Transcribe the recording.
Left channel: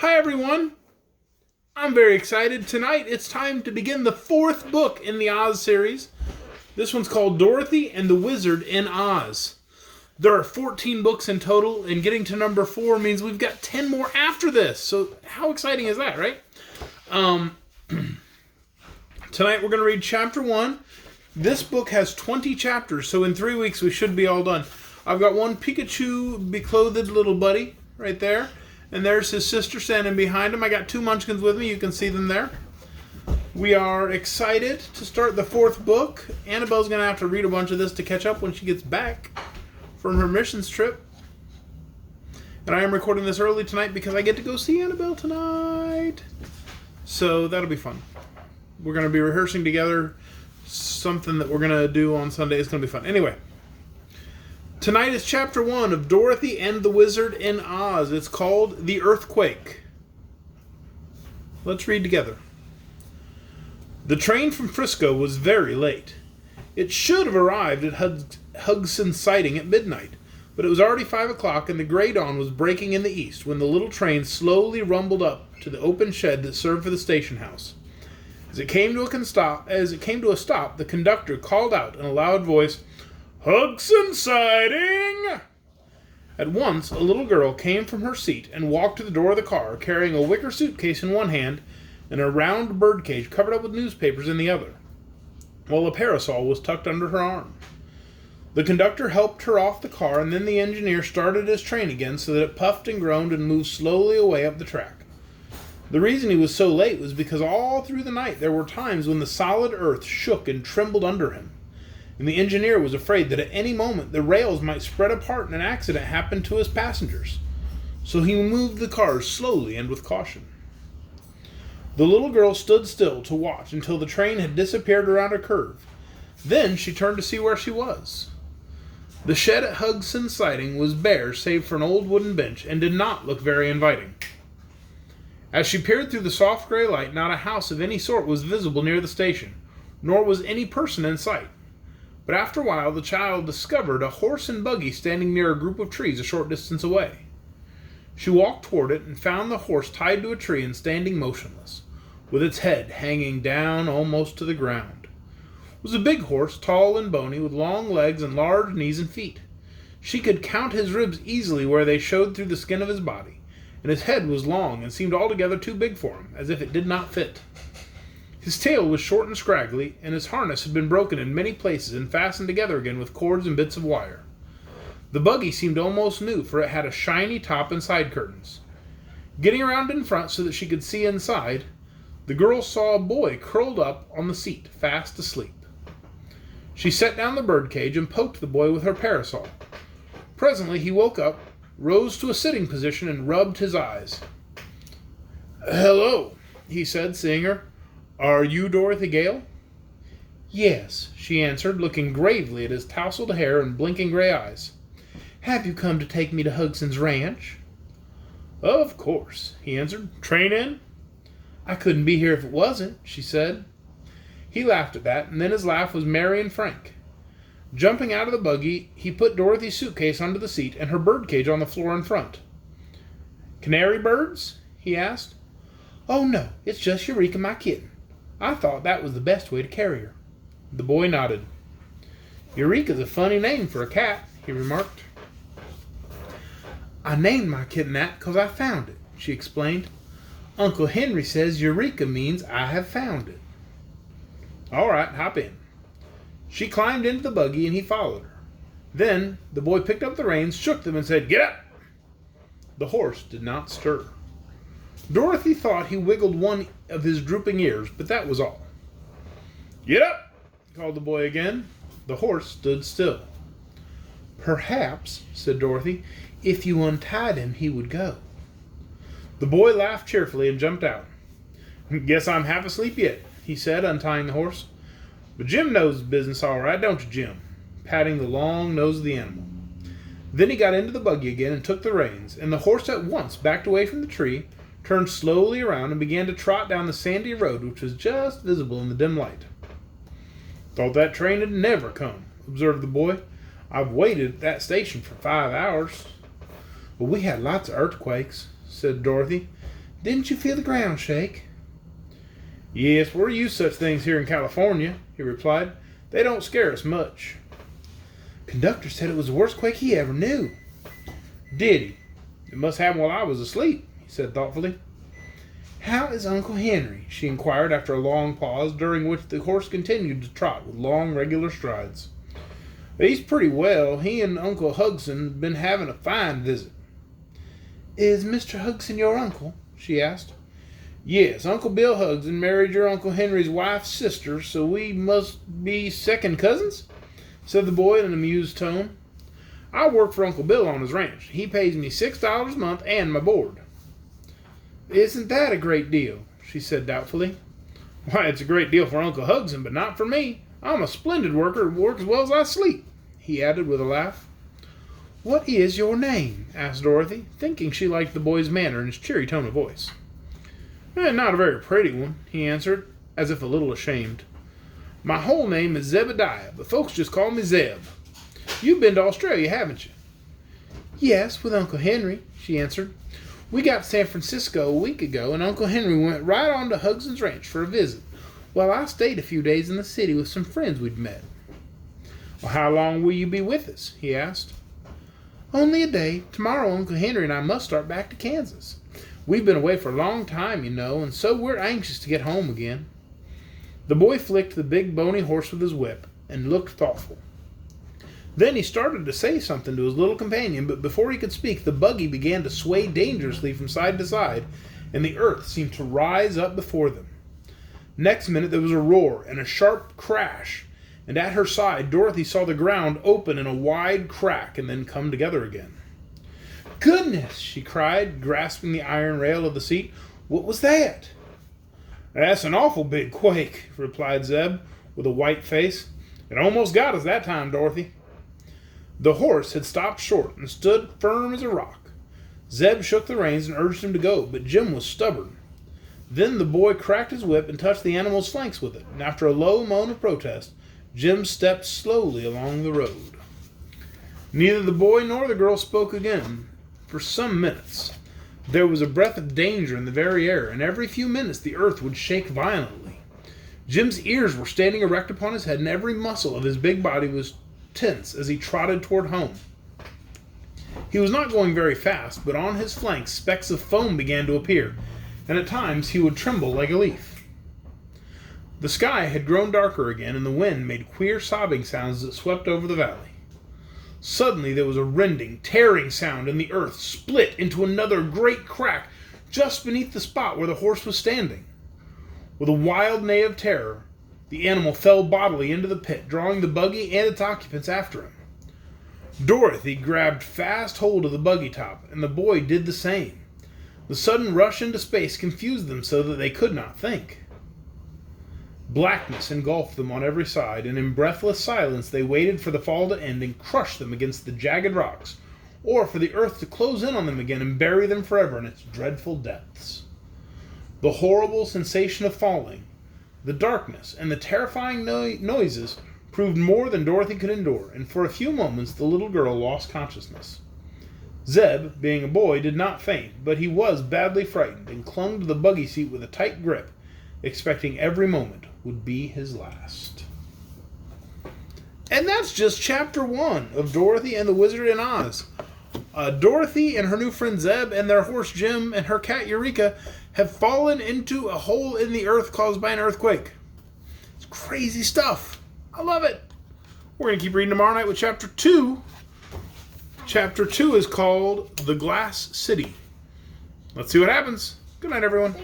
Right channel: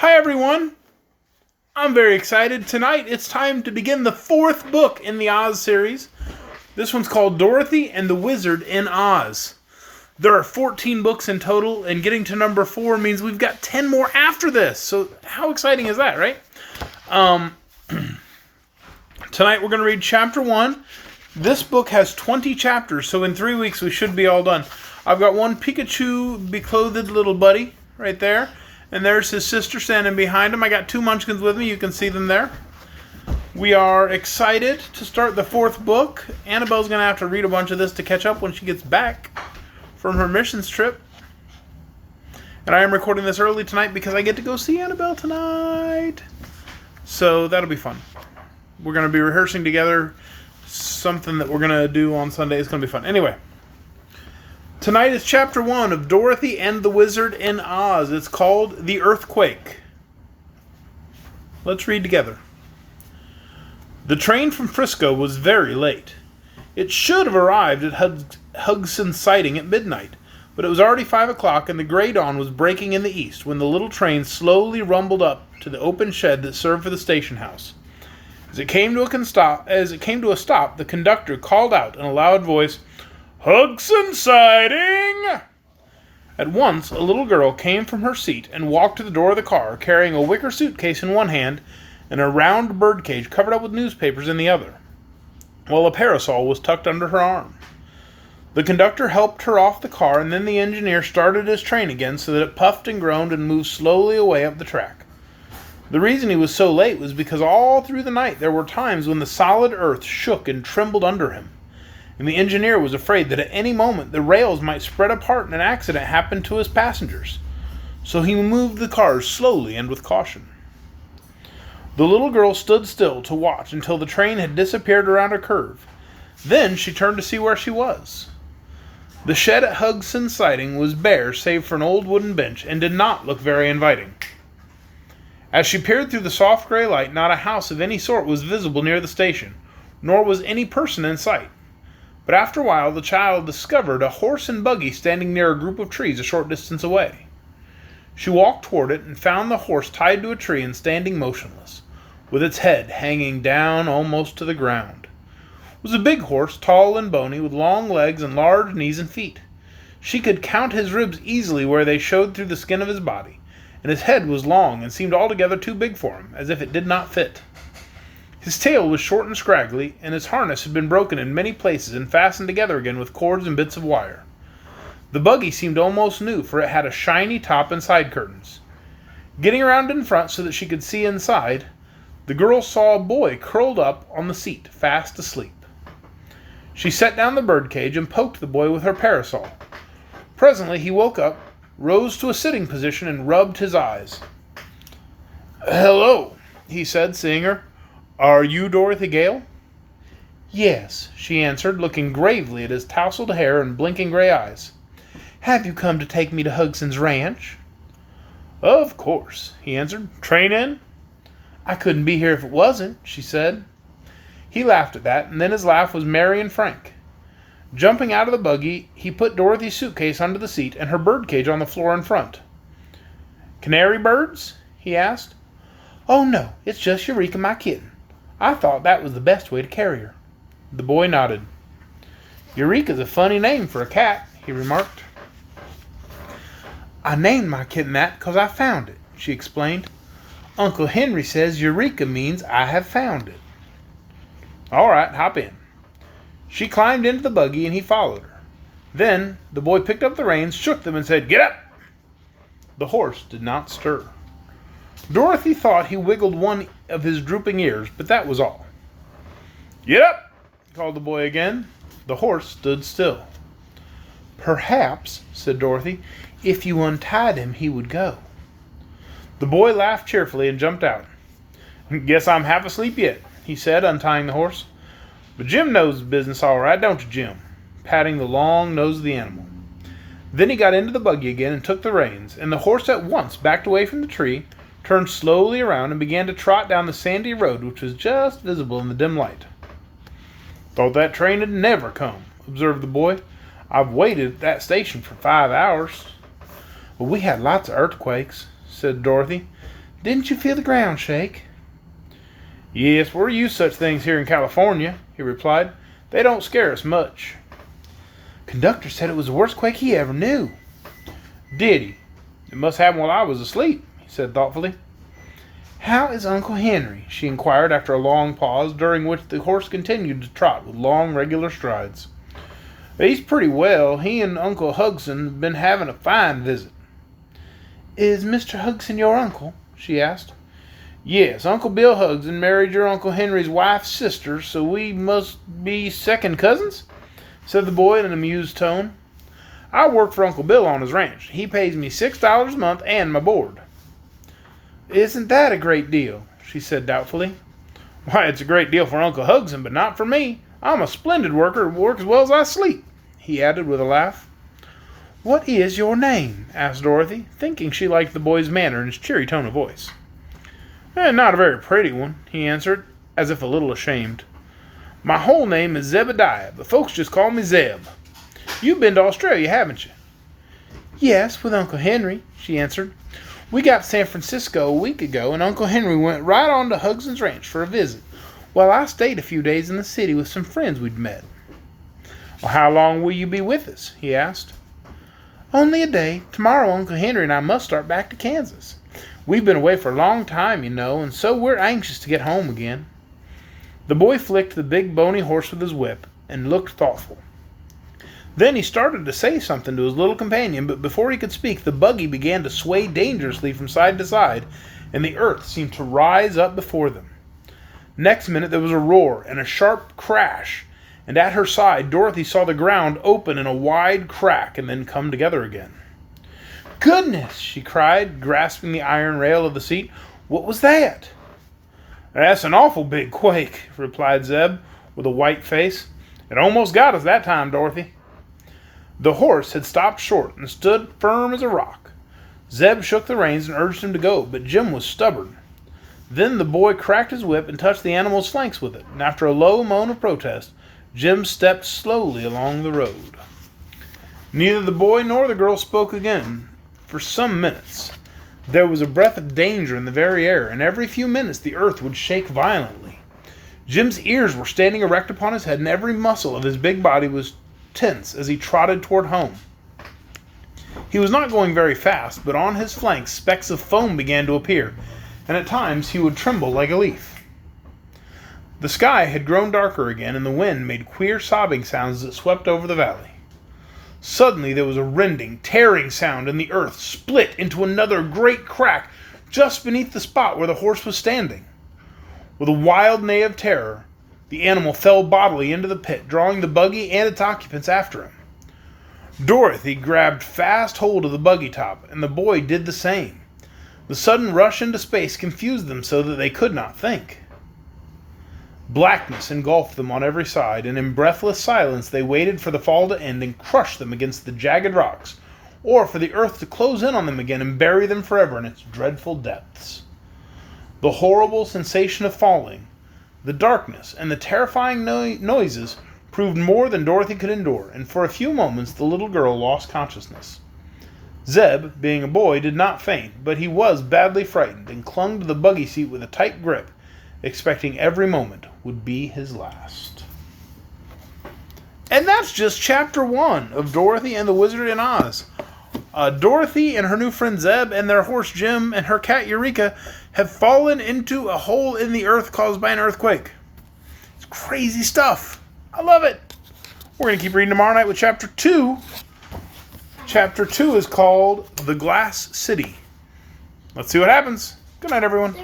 Hi everyone! I'm very excited. Tonight it's time to begin the fourth book in the Oz series. This one's called Dorothy and the Wizard in Oz. There are 14 books in total, and getting to number 4 means we've got 10 more after this. So how exciting is that, right? Tonight we're going to read chapter 1. This book has 20 chapters, so in 3 weeks we should be all done. I've got one Pikachu beclothed little buddy right there. And there's his sister standing behind him. I got 2 munchkins with me. You can see them there. We are excited to start the 4th book. Annabelle's going to have to read a bunch of this to catch up when she gets back from her missions trip. And I am recording this early tonight because I get to go see Annabelle tonight. So that'll be fun. We're going to be rehearsing together something that we're going to do on Sunday. It's going to be fun. Anyway. Tonight is chapter 1 of Dorothy and the Wizard in Oz. It's called The Earthquake. Let's read together. The train from Frisco was very late. It should have arrived at Hugson's Siding at midnight, but it was already 5 o'clock and the gray dawn was breaking in the east when the little train slowly rumbled up to the open shed that served for the station house. As it came to a stop, the conductor called out in a loud voice, "Hugson's Siding!" At once, a little girl came from her seat and walked to the door of the car, carrying a wicker suitcase in one hand and a round birdcage covered up with newspapers in the other, while a parasol was tucked under her arm. The conductor helped her off the car, and then the engineer started his train again so that it puffed and groaned and moved slowly away up the track. The reason he was so late was because all through the night there were times when the solid earth shook and trembled under him, and the engineer was afraid that at any moment the rails might spread apart and an accident happen to his passengers. So he moved the cars slowly and with caution. The little girl stood still to watch until the train had disappeared around a curve. Then she turned to see where she was. The shed at Hugson's Siding was bare save for an old wooden bench and did not look very inviting. As she peered through the soft gray light, not a house of any sort was visible near the station, nor was any person in sight. But after a while, the child discovered a horse and buggy standing near a group of trees a short distance away. She walked toward it and found the horse tied to a tree and standing motionless, with its head hanging down almost to the ground. It was a big horse, tall and bony, with long legs and large knees and feet. She could count his ribs easily where they showed through the skin of his body, and his head was long and seemed altogether too big for him, as if it did not fit. His tail was short and scraggly, and his harness had been broken in many places and fastened together again with cords and bits of wire. The buggy seemed almost new, for it had a shiny top and side curtains. Getting around in front so that she could see inside, the girl saw a boy curled up on the seat, fast asleep. She set down the birdcage and poked the boy with her parasol. Presently he woke up, rose to a sitting position, and rubbed his eyes. "Hello," he said, seeing her. "Are you Dorothy Gale?" "Yes," she answered, looking gravely at his tousled hair and blinking gray eyes. "Have you come to take me to Hugson's ranch?" "Of course," he answered. "Train in?" "I couldn't be here if it wasn't," she said. He laughed at that, and then his laugh was merry and frank. Jumping out of the buggy, he put Dorothy's suitcase under the seat and her birdcage on the floor in front. "Canary birds?" he asked. "Oh, no, it's just Eureka, my kitten. I thought that was the best way to carry her." The boy nodded. "Eureka's a funny name for a cat," he remarked. "I named my kitten that because I found it," she explained. "Uncle Henry says Eureka means I have found it." "All right, hop in." She climbed into the buggy and he followed her. Then the boy picked up the reins, shook them, and said, "Get up!" The horse did not stir. Dorothy thought he wiggled one of his drooping ears, but that was all. "Get up!" called the boy again. The horse stood still. "Perhaps," said Dorothy, "if you untied him, he would go." The boy laughed cheerfully and jumped out. "Guess I'm half asleep yet," he said, untying the horse. "But Jim knows business all right, don't you, Jim?" patting the long nose of the animal. Then he got into the buggy again and took the reins, and the horse at once backed away from the tree, turned slowly around, and began to trot down the sandy road which was just visible in the dim light. "Thought that train had never come," observed the boy. "I've waited at that station for 5 hours." "Well, we had lots of earthquakes," said Dorothy. Didn't you feel the ground shake?" "Yes, we're used to such things here in California," he replied. "They don't scare us much." "Conductor said it was the worst quake he ever knew." "Did he? It must happen while I was asleep," he said thoughtfully. "How is Uncle Henry?" she inquired after a long pause, during which the horse continued to trot with long, regular strides. "He's pretty well. He and Uncle Hugson have been having a fine visit." "Is Mr. Hugson your uncle?" she asked. "Yes, Uncle Bill Hugson married your Uncle Henry's wife's sister, so we must be second cousins," said the boy in an amused tone. "I work for Uncle Bill on his ranch. He pays me $6 a month and my board." "Isn't that a great deal?" she said doubtfully. "Why, it's a great deal for Uncle Hugson, but not for me. I'm a splendid worker and work as well as I sleep," he added with a laugh. "What is your name?" asked Dorothy, thinking she liked the boy's manner and his cheery tone of voice. "Not a very pretty one," he answered, as if a little ashamed. "My whole name is Zebediah, but folks just call me Zeb. You've been to Australia, haven't you?" "Yes, with Uncle Henry," she answered. "We got to San Francisco a week ago, and Uncle Henry went right on to Hugson's ranch for a visit, while I stayed a few days in the city with some friends we'd met." "Well, how long will you be with us?" he asked. "Only a day. Tomorrow Uncle Henry and I must start back to Kansas. We've been away for a long time, you know, and so we're anxious to get home again." The boy flicked the big bony horse with his whip and looked thoughtful. Then he started to say something to his little companion, but before he could speak, the buggy began to sway dangerously from side to side, and the earth seemed to rise up before them. Next minute there was a roar and a sharp crash, and at her side Dorothy saw the ground open in a wide crack and then come together again. "Goodness!" she cried, grasping the iron rail of the seat. "What was that?" "That's an awful big quake," replied Zeb, with a white face. "It almost got us that time, Dorothy." The horse had stopped short and stood firm as a rock. Zeb shook the reins and urged him to go, but Jim was stubborn. Then the boy cracked his whip and touched the animal's flanks with it, and after a low moan of protest, Jim stepped slowly along the road. Neither the boy nor the girl spoke again for some minutes. There was a breath of danger in the very air, and every few minutes the earth would shake violently. Jim's ears were standing erect upon his head, and every muscle of his big body was tense as he trotted toward home. He was not going very fast, but on his flanks specks of foam began to appear, and at times he would tremble like a leaf. The sky had grown darker again, and the wind made queer sobbing sounds that swept over the valley. Suddenly there was a rending, tearing sound, and the earth split into another great crack just beneath the spot where the horse was standing. With a wild neigh of terror, the animal fell bodily into the pit, drawing the buggy and its occupants after him. Dorothy grabbed fast hold of the buggy top, and the boy did the same. The sudden rush into space confused them so that they could not think. Blackness engulfed them on every side, and in breathless silence they waited for the fall to end and crush them against the jagged rocks, or for the earth to close in on them again and bury them forever in its dreadful depths. The horrible sensation of falling, the darkness, and the terrifying noises proved more than Dorothy could endure, and for a few moments the little girl lost consciousness. Zeb, being a boy, did not faint, but he was badly frightened and clung to the buggy seat with a tight grip, expecting every moment would be his last. And that's just Chapter 1 of Dorothy and the Wizard in Oz. Dorothy and her new friend Zeb and their horse Jim and her cat Eureka have fallen into a hole in the earth caused by an earthquake. It's crazy stuff. I love it. We're going to keep reading tomorrow night with Chapter 2. Chapter 2 is called The Glass City. Let's see what happens. Good night, everyone.